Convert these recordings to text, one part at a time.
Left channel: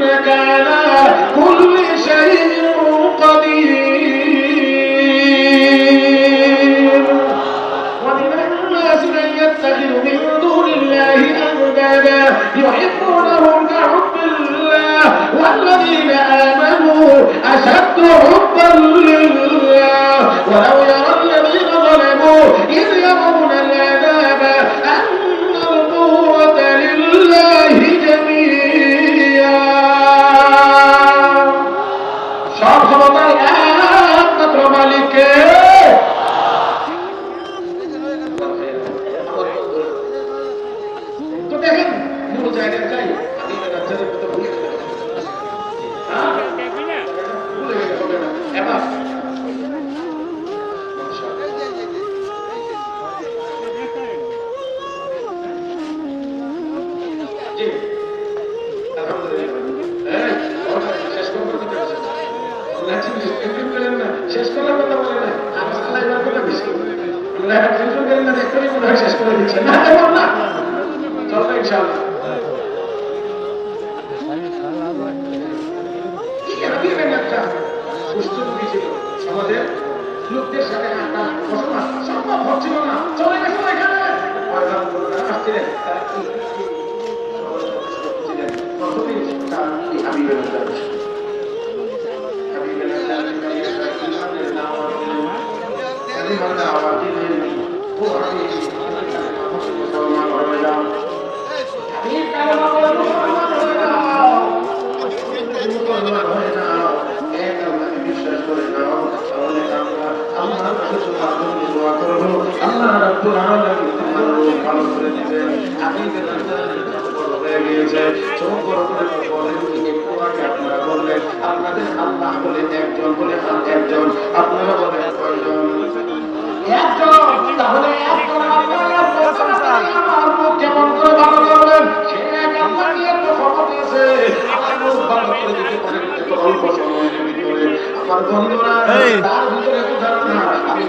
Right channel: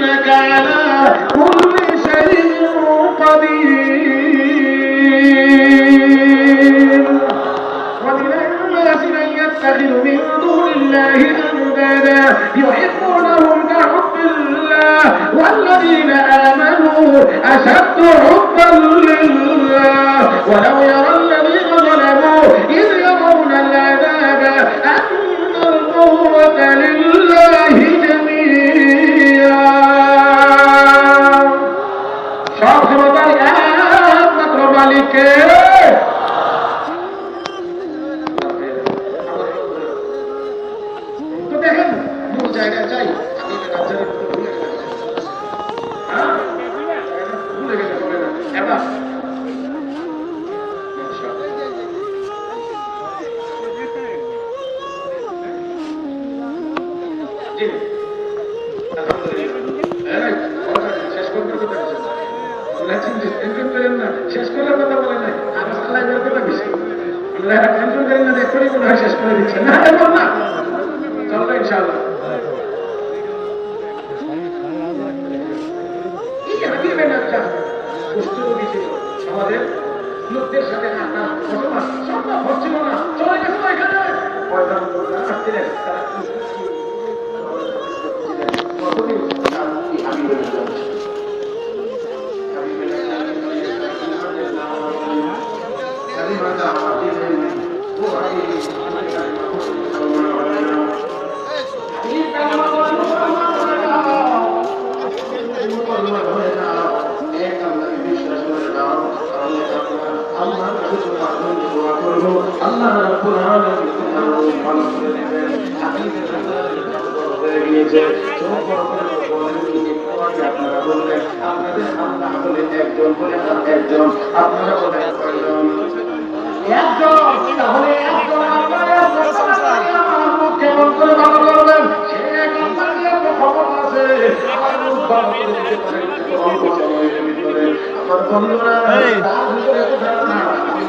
Mecca. Nada.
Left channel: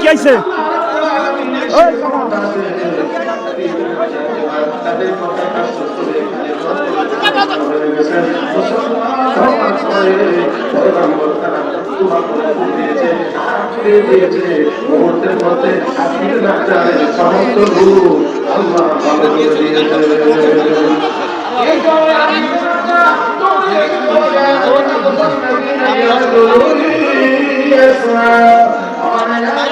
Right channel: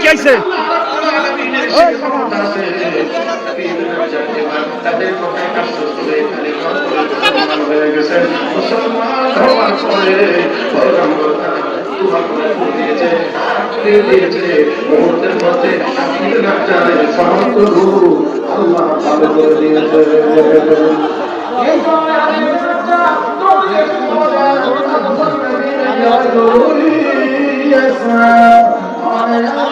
কি আইছে Yes, sir.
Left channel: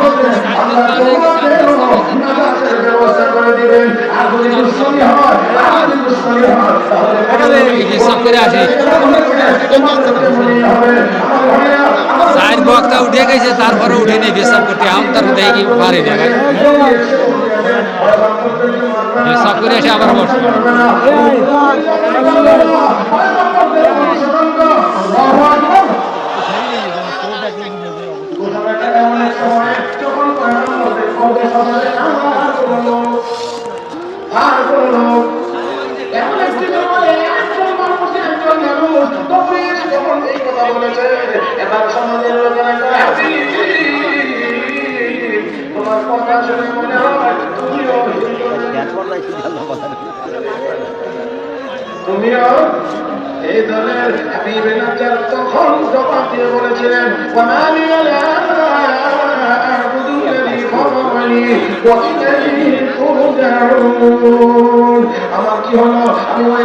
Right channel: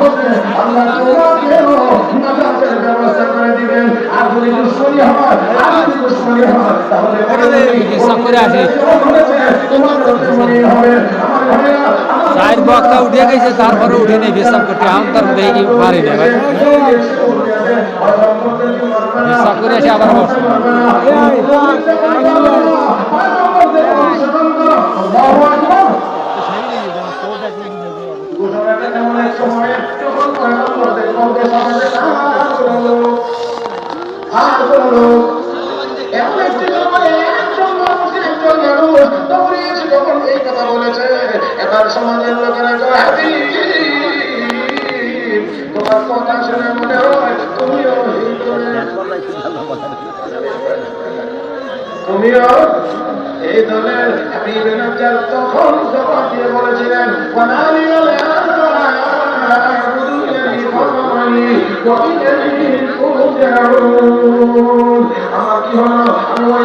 মহাপদের আল্লাহ তোমাদের নামাজের ব্যবস্থা করে দিবেন আপনি দুশ্মনী হন আপনি দুশ্মনী হন शायद वक्त उठे गई से तार पर उठे नहीं सब करके हम तर देगी बारे सब करे आबार बस যখন এই কথা বলেছে এবার সমাজের লোকেরা তোমার কথা শুনে মনে তুমিও এই দলের আমি বেনাজার তখন জবাব দিয়ে বলেছিলেন আমার কি হলো? আমি ওই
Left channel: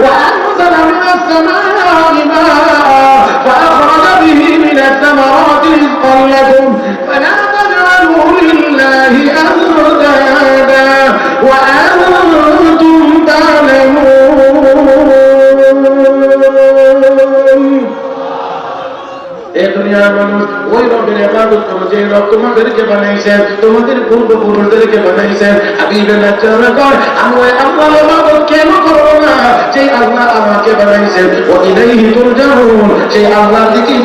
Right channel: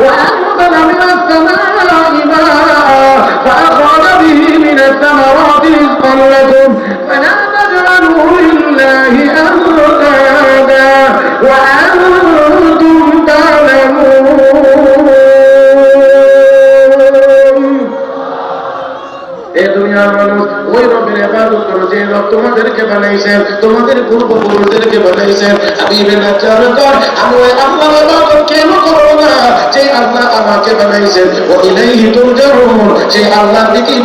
وأنزل من السماء ماء فأخرج به من الثمرات رزقا لكم فلا تجعلوا لله أندادا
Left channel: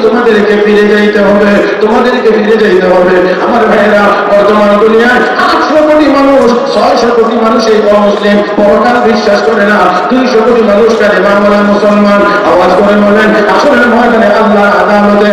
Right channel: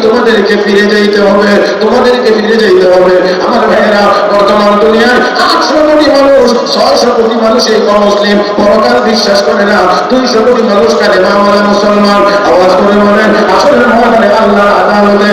তোমাদেরকে ফিরে যাইতে হবে, তোমাদেরকে ফিরে যাইতে হবে। আমার ভাইয়েরা, বর্তমান দুনিয়ার আটশো কোটি মানুষ, ছয়শো কোটি মানুষ এই অমুসলিম, পরকাল বিশ্বাস করে না, দুইশো কোটি মানুষ কানে বাংলা মুসলমান। আওয়াজ করে বলেন আসলে আল্লাহ আদালতে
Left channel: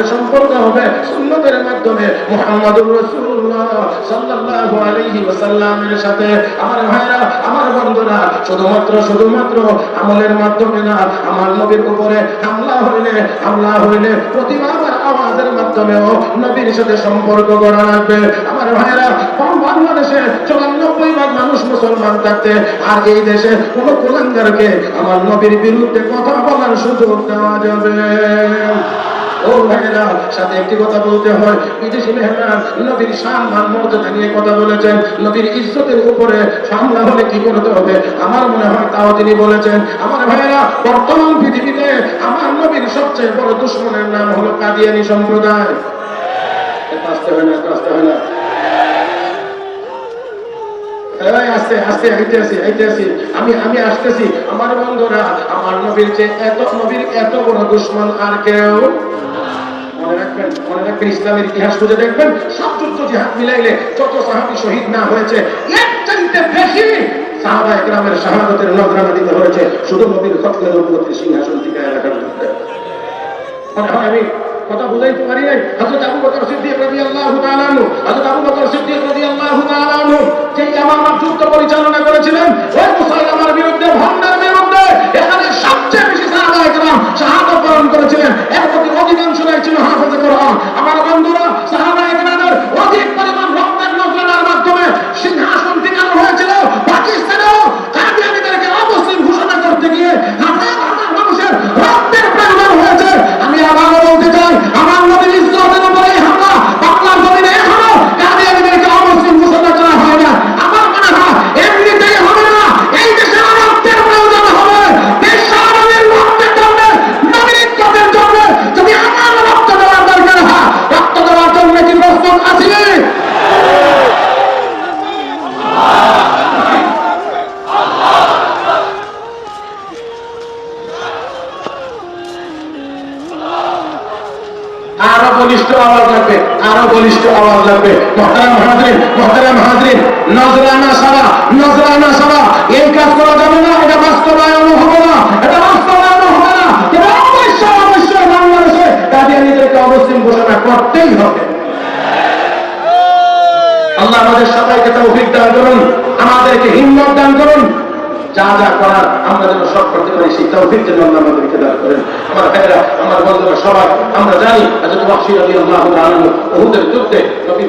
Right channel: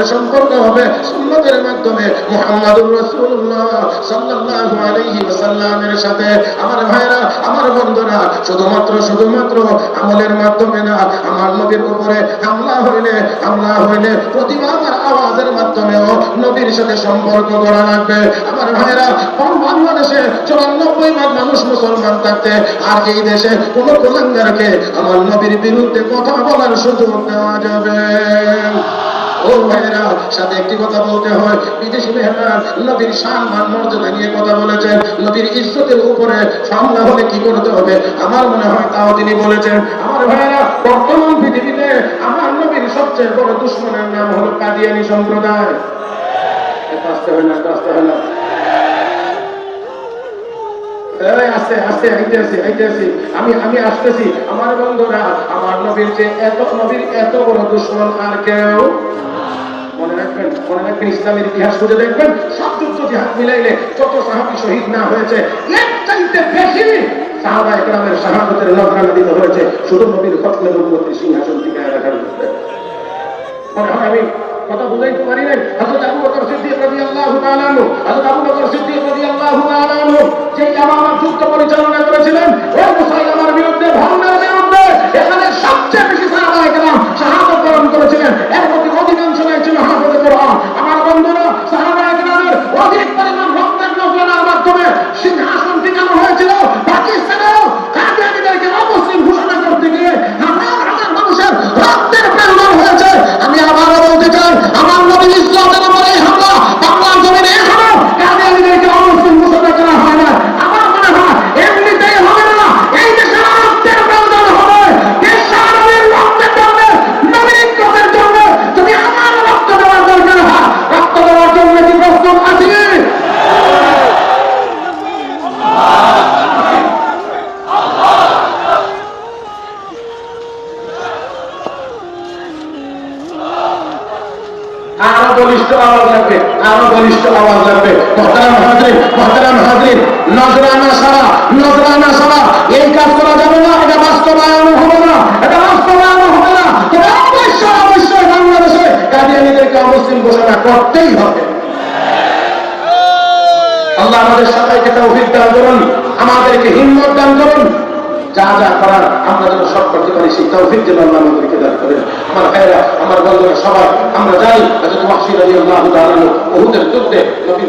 আমাদের সম্পর্ক হবে সুন্নতের মাধ্যমে মুহাম্মদুর রাসূলুল্লাহ সাল্লাল্লাহু আলাইহি ওয়াসাল্লামের সাথে। আমার ভাইরা, আমার বন্ধুরা, শুধুমাত্র শুধুমাত্র আমলের মাধ্যমে না, আমার নবীর উপরে হামলা হইলে হামলা হইলে প্রতিবাদ আর আওয়াজের মাধ্যমেও নবীর সাথে সম্পর্ক করা লাগবে। আমার ভাইরা বাংলাদেশে চুরানব্বই ভাগ মানুষ মুসলমান থাকতে আর এই দেশে কোন কুলাঙ্গারকে আমার নবীর বিরুদ্ধে কথা বলার সুযোগ দেওয়া যাবে? ও ভাইয়েরা সাথে একটি কথা বলতে হয়। বিদেশি মেহমান নবীর শান, মান, মর্যাদা নিয়ে কথা বলেছেন। নবীর ইজ্জতের উপরে সামলা হলে কি করতে হবে? আমার মনে হয় তাও তিনি বলেছেন, আমার ভাইয়েরা, বর্তমান পৃথিবীতে আমার নবীর সবচেয়ে বড় দুশ্মনের নাম হলো কাদিয়ানি সম্প্রদায়। আসতে হয় না আসতে এই আস্তে আস্তে আইতেছি আইতেছি আমি আমি আসতেছি। আমার বন্ধুরা, আমার নবীর যে এত, নবীর এত বড় দুশ্মন আর কেউ মনে রাখবেন মনে রাখবেন ইসলামের ইতিহাস খুঁজে দেখবেন সব যুদ্ধ জিহাদ শহীদ না হয়েছে এর চাইতে বেশি সাহাবা শুধু কথা বুঝাইতে পারি নাই। হযরত আবু বকর সিদ্দিক রাদিয়াল্লাহু তাআলা আনহু, হযরত আবু বকর সিদ্দিক রাদিয়াল্লাহু তাআলা আনহু যেই ইয়ামামা যুদ্ধ পরিচালনা করেছিলেন, ওই মুসাইলামার বিরুদ্ধে ভণ্ডের বিরুদ্ধে এখানে সবচেয়ে বেশি সাহাবা একরাম শাহাদাত বরণ করেছিলেন। এর প্রতি অধিকাংশ ছিল হাফেজ কোরআন। আমার বন্ধুরা করতেই হবে। আল্লাহ আমাদের সবাইকে তৌফিক দান করুন আমাদেরকে হিম্মত দান করুন। যা যা করার আমরা যেন সব করতে পারি সেই তৌফিক যেন আল্লাহ আমাদেরকে দান করেন। আমার ভাইরা আমার বন্ধুরা সবাই আমরা জানি যুদ্ধে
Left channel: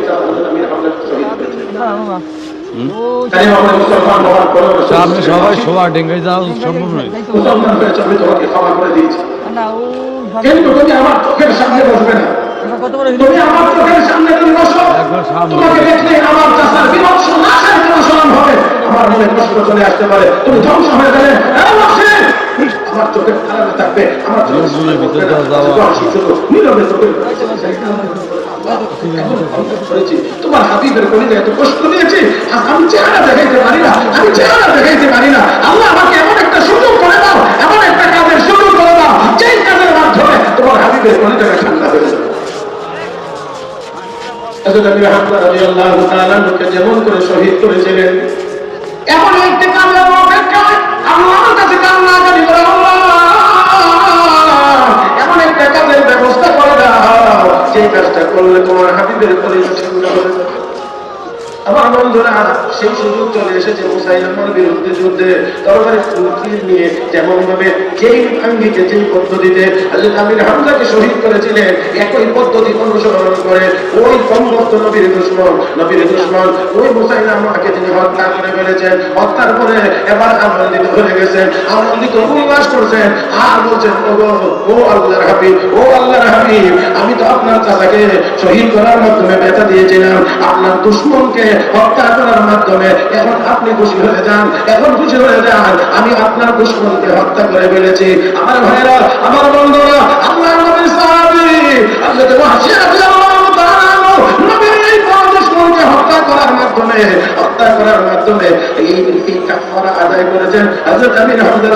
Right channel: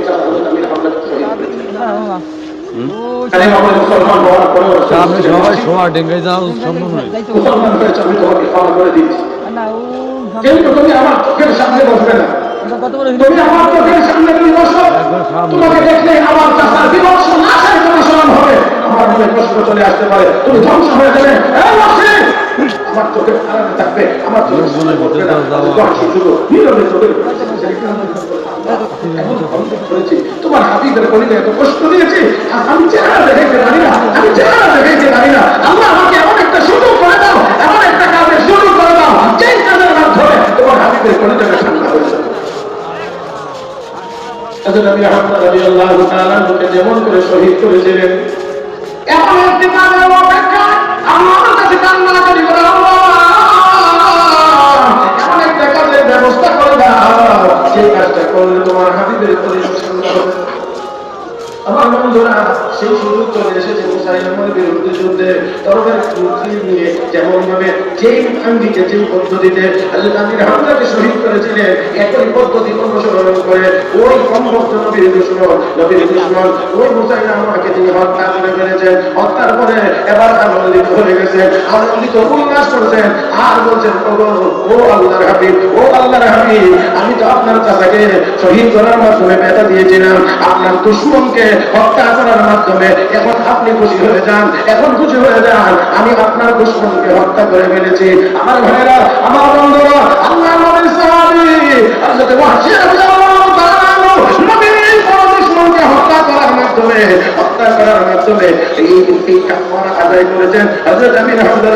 সাথে হযরত আমির হামজা শহীদ হয়েছিলেন কালেমা পড়ে মুসলমান হওয়ার পরে আপনি সবাই সবার ডেঙ্গে যাও সম্ভব নেই মুসলমান হয়েছে আমি তোমাকে ক্ষমা করে দিয়েছি কিন্তু তুমি আমার চোখের সামনে বসবে না। তুমি আমার চোখের সামনে তুমি বসো। তোমাকে দেখলে আমার চাষার বিভৎস নাশের অনুসরণ হবে। আমার মনে কষ্ট চলে আসতে পারে। তুমি ধ্বংস হয়ে গেলে আমার চোখের আড়ালে থাকবে। আমার চোখের সামনে নীরবে তোমার হাবিবের গলিতে এত কষ্ট দিয়েছি আর আমি চেহারা দেখাইতে পারি না। আমি চেহারা দেখাইতে পারি না। আল্লাহ আমাকে এমন একটা সুযোগ করে দাও এমন একটা কাজের সুযোগ করে দাও যেই কাজের মাধ্যমে তোমার হাবিবের গলিতে ঠান্ডা হয়ে যাবে। হযরত আমির হামজা যেমন করে শহীদ করেছিলেন, এমন একটি কাজের অপেক্ষায় আল্লাহর ব্যবস্থা করে দাও। সেই কাজটা করলে তোমার হাবিবের পরিবেশ আমার বন্ধুরা, সেই সুযোগ চলে এসেছে বিরুদ্ধে যুদ্ধে। নিয়ে যেমন ভাবে যেই আঙ্গিকে যেই পদ্ধতিতে হামজাকে শহীদ করেছিলেন, একই পদ্ধতি অনুসরণ করে ওই নবীর দুশ্মন নবীর দুশ্মন। ওই তিনি হত্যা করে ফেলেছেন। হত্যার পরে এবার আনন্দিত হয়ে গেছেন, আনন্দিত উল্লাস করছেন। আর বলছেন ও আল্লাহর হাবিব, ও আল্লাহর হাবিব, আমি তো আপনার চাচাকে শহীদ করার মাধ্যমে ব্যথা দিয়েছিলাম। আপনার দুশ্মনকে হত্যা করার মাধ্যমে এখন আপনি খুশি হয়ে যান, এখন খুশি হয়ে যান, আমি আপনার দুশ্মনকে হত্যা করে ফেলেছি। আমার ভাইরা, আমার বন্ধুরা, আল্লাহ নবীর হযরত ওয়াহশী রাদিয়াল্লাহু তাআলা আনহু, নবীর এই বড় দুশ্মনকে হত্যা করার মাধ্যমে হত্যা করার মাধ্যমে এই কাফারা আদায় করেছেন। আমি আমির হামজার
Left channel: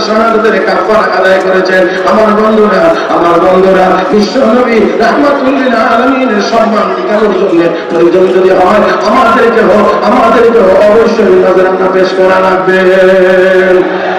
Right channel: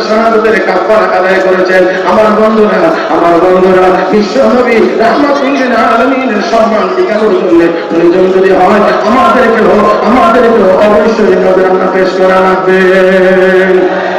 কাপড় আদায় করেছেন। আমার বন্ধুরা আমার বন্ধুরা, বিশ্ব নবী রাহমাতুল্লিল আলমিনের সম্মান টিকানোর জন্য প্রয়োজন যদি হয় আমাদেরকে হোক আমাদেরকে অবশ্যই নজরানা পেশ করা লাগবে।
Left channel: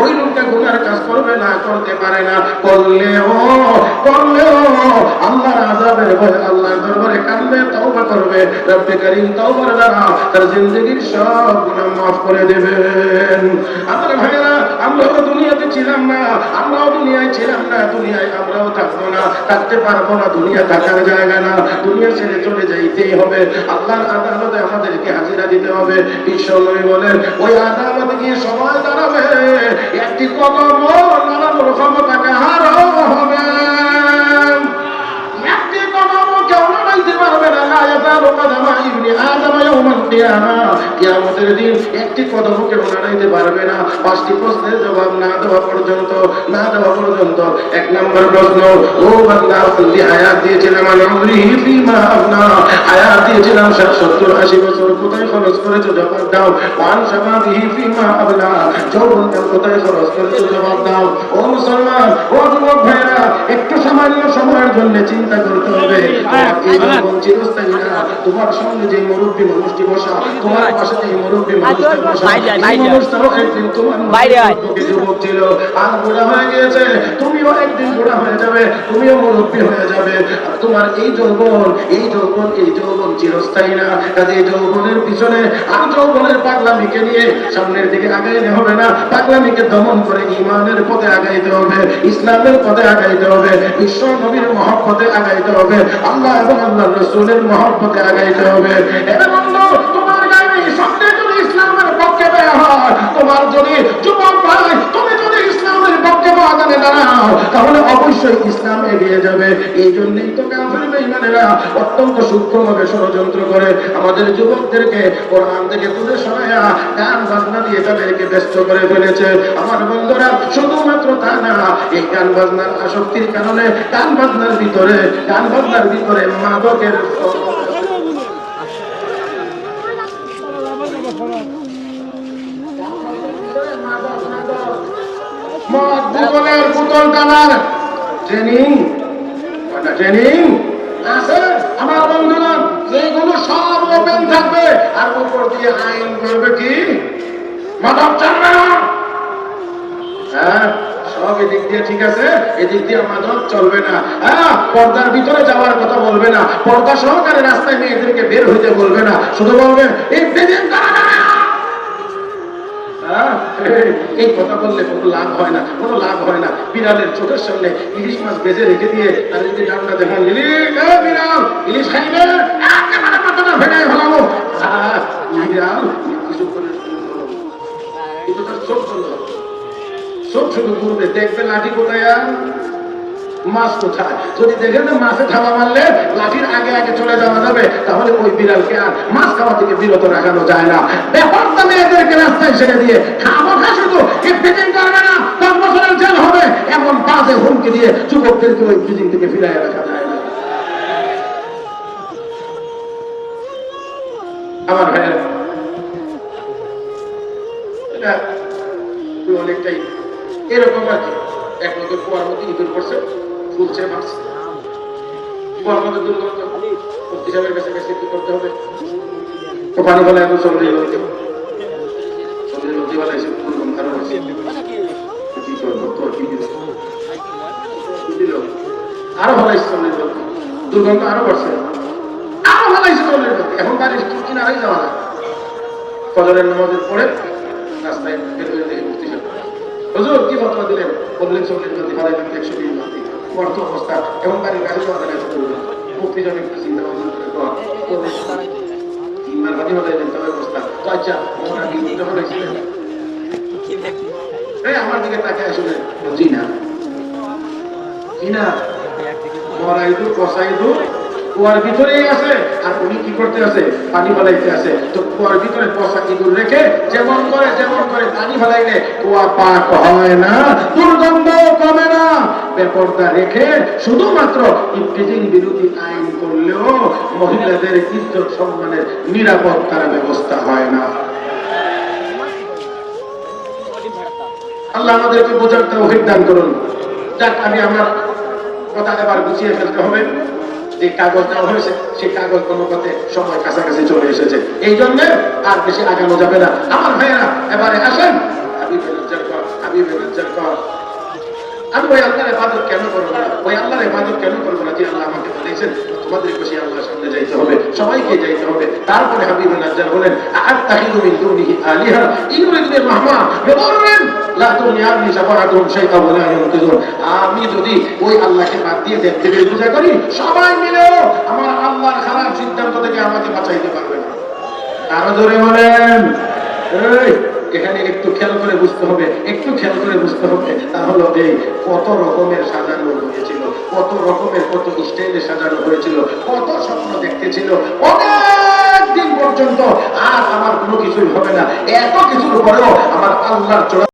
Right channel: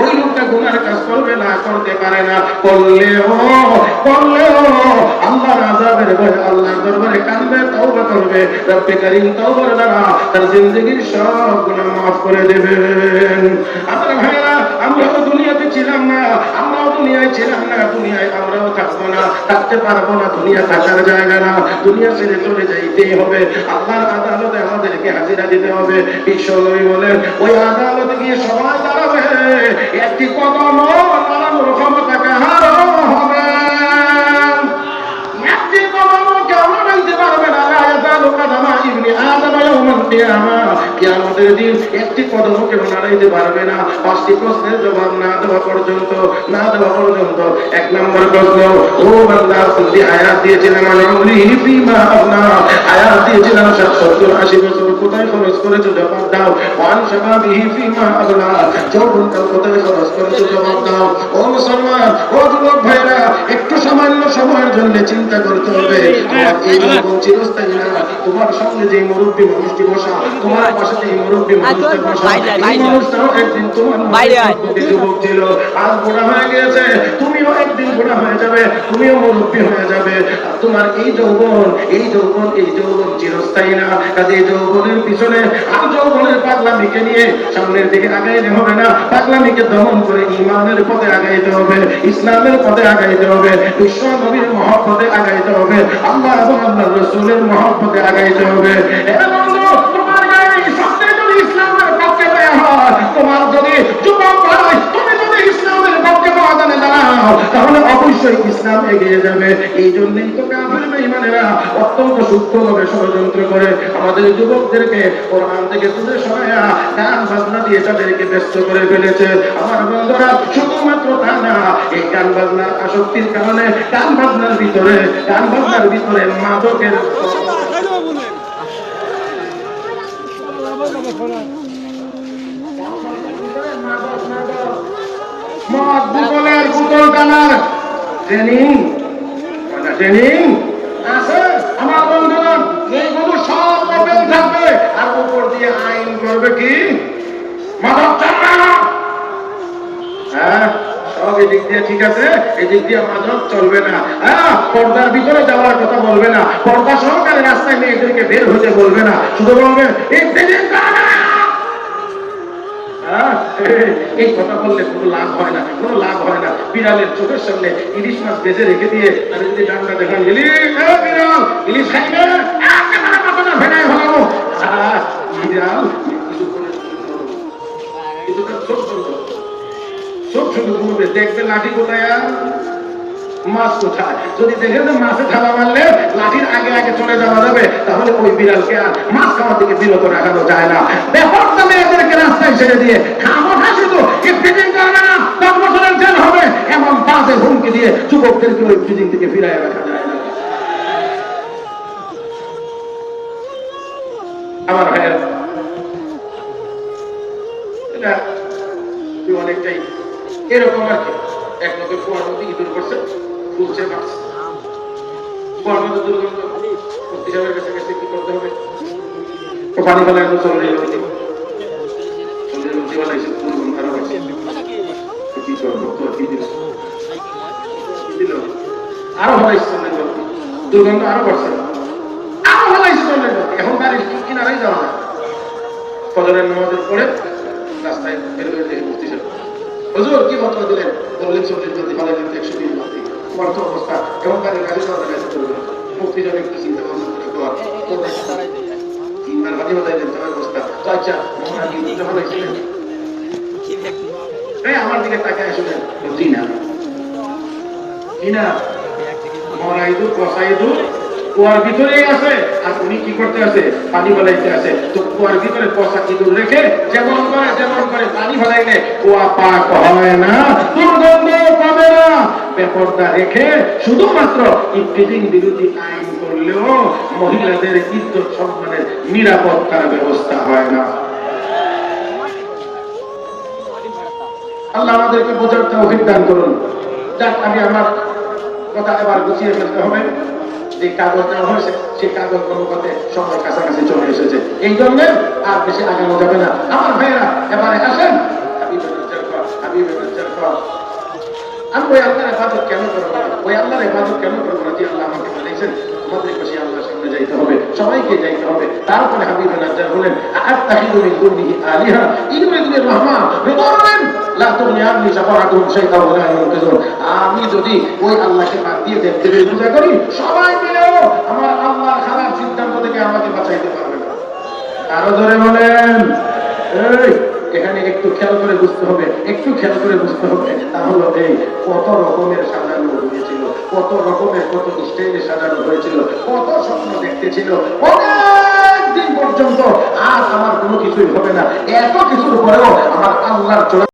ওই লোকটা গুনার কাজ করবে না, করতে পারে না। করলেও করলেও আল্লাহর আযাবের ভয় আল্লাহর দরবারে কাঁদবে, তওবা করবে। রব্বে করিম তওবার দ্বারা তার জিন্দগির সব গুনাহ মাফ করে দেবেন। আমার ভাইরা আমরাও দুনিয়াতে ছিলাম না, আমরাও দুনিয়ায় ছিলাম না, দুনিয়ায় আমরাও থাকব না, থাকতে পারব না, দুনিয়া থাকার জায়গা না, দুনিয়া ছেড়ে চলে যাইতেই হবে। আল্লাহর আদালতে আমাদেরকে হাজিরা দিতে হবে। বিশ্বনবী বলেন, ওই আদালতে গিয়ে সবাই দাঁড়াবে। দিন একটি কদম কেউ নাড়াইতে পারবে না, পাঁচটি প্রশ্নের জবাব না দেওয়া পর্যন্ত, না দেওয়া পর্যন্ত, এক নম্বর প্রশ্ন ও বান্দা আপনি হায়াত দিয়েছিলাম হায়াত দিয়েছিলাম সত্তর আশি বছর, কোথায় খরচ করেছ জবাব দাও। ওয়ান শাবাবিহি ফিমা আবলা যৌবনকাল কোথায় খরচ করেছ জবাব দাও। ও মুসলমান, ও যুবক ভাইরা একটু সামান্য সময়ের জন্য চিন্তা করতে হবে। তোমার এই চিরস্থায়ী না। তোমার সামনে যে মুরব্বী মানুষটি বসা তোমার পাশে যে মুরব্বী মানুষটি বসা এই মানুষটাও একদিন তোমার যুবক ছিল আজ বুড়া হয়ে গিয়েছে তুমিও একদিন বুড়া হয়ে যাবে। তুমিও মুরব্বী হয়ে যাবে। তোমার এই যৌবন এই যৌবন এই যৌবন চিরস্থায়ী না। কাজে এই যৌবনের পিছনে আর যৌবনের পাগলামিকে নিয়ে সামনের দিকে আগাইলে হবে না। পাগলামিকে দমন করে ইমানের পথে আগাইতে হবে। ইসলামের পথে আগাইতে হবে। বিশ্ব নবীর মহব্বতে আগাইতে হবে। আল্লাহ এবং আল্লাহ রসুলের মহব্বতে আগাইতে হবে। তোমার যদি যুবক তুমি যদি ইসলামের পক্ষে তাহলে অবশ্যই ইসলাম এগিয়ে যাবে। এই জন্যই তো বেঈমানেরা অত্যন্ত সূক্ষ্মভাবে ষড়যন্ত্র করে আমাদের যুবকদেরকে কোরআন থেকে তুলে সরায়া গান বাজনা দিয়ে তাদেরকে ব্যস্ত করে ফেলেছে। আমার বন্ধুরা, শুধুমাত্র তা না, এই গান বাজনার আসক্তির কারণে গান বাজনার ভিতরে, গান বাজনার ভিতরে মাদকের মদ যুগলের পুতুল টানার ট্রেনিং ট্রেনিং আছে আমার বন্ধুগণ যেগুলো সব ওপেন থাকবে আর উপর দিয়ে আইন করবে কি? মাদক চামড়া হ্যাঁ না। হ্যাঁ এই হ্যাঁ, কথা বললে কোনো লাভ হয় না কোনো লাভ হয় না। বিড়ালের চোখের সামনে ইলিশ মাছ বেজে রেখে দিয়ে আর যদি ডান্ডা দেখান ইলিশ ইলিশ খাইবে? শুধু ঘুরবে দেখবে লাঠি কোথায় মাছ কোথায়? যদি দেখেন মাছে থালা মারলে, লাঠির আগে আগে চলে যাওয়া যাবে, তাহলে ওই বিড়ালকে আর মাছ খাওয়া থেকে বিরত রাখানো যায় না। ব্যাপারটা মেয়েদেরকে রাস্তায় ছেড়ে দিয়ে খাব খা শুধু করবে না হবে, এমন বাজে হুমকি দিয়ে যুবকদেরকে ওই থেকে ফিরাই রাখা যায় আমার ভাইয়ের, এটা অনেকটাই এরকম আর কি। এক লোকের কুয়ার মধ্যে ইঁদুর করছে, ফুলছে মারছে কুয়ার মধ্যে দুর্গন্ধ। মুক্তি কাছে কাছে কি করতে হবে? পানি ফেলে এত চলে বেলা আরও হলাইছে দুর্গন্ধ আরও করছে আরও নদী। এখন গাড়ির কিনারাই যাওয়া যায়। নামাজের পরে হুজুর, কি ফতোয়া দিলেন? বললেন চল্লিশ যদি পারেন একশো দিন বর্ত অবস্থা এবং গাড়ি গাড়ি চলতে সাহেব একটু চিন্তা এই, আমার দিকে তাকে আসলেন। জি না ভিতরেই আছে। আর উনি কি করতে আছে? পানি আছে। তো কুয়ার ভিতরে রেখে যেমন করে যেমন করে পানি কুয়া পাক হয় না, দুর্গন্ধ না। রেখে শুধুমাত্র ইফতিজিং বিরোধী আইন করলেও মহিলাদের ইজ্জত সম্মানের নিরাপত্তার ব্যবস্থা হয় না। আল্লাহ আমাদেরকে বোঝার তৌফিক দান করুন। যাক, আমি আমার কথা এবার গুছিয়ে ফেলতে হবে। যে কাগজ দেওয়া হয়েছে, সেই কাগজ কোনো সময় কাছাকাছি চলে এসেছে। এই জন্য আর বেশি আগানো যাবে না। আমার ভাইয়েরা এবারে আসেন। আমি ওই আল্লাহর কেন করব না? ওই আল্লাহর কেন করব না যে আল্লাহ আমাকে বলেছেন? সামনে যাইতে হবে, সবাইকে যাইতে হবে। তারপরে বলেন আলিহা আমি যদি ওই আল্লাহকে বাদ দিয়ে দেখতে পূজা করি, সবাই মিলেও আমার আল্লাহর খারাপ সিদ্ধান্ত থেকে আমাকে পারবে না। আরও ধরে বলেন। এখানে একটু খেয়াল করে বুঝতে হবে, একটু খেয়াল করে বুঝতে হবে। তা হলো এই কত রকমের সাজানো হয়েছিল, কত রকমের কত স্টেজে সাজানো হয়েছিল, কত স্বপ্ন দেখতেছিল অনেক দিন পর্যন্ত আর আমার কোনো কিছুই হবে না। এত কিছুর পরেও আমার আল্লাহর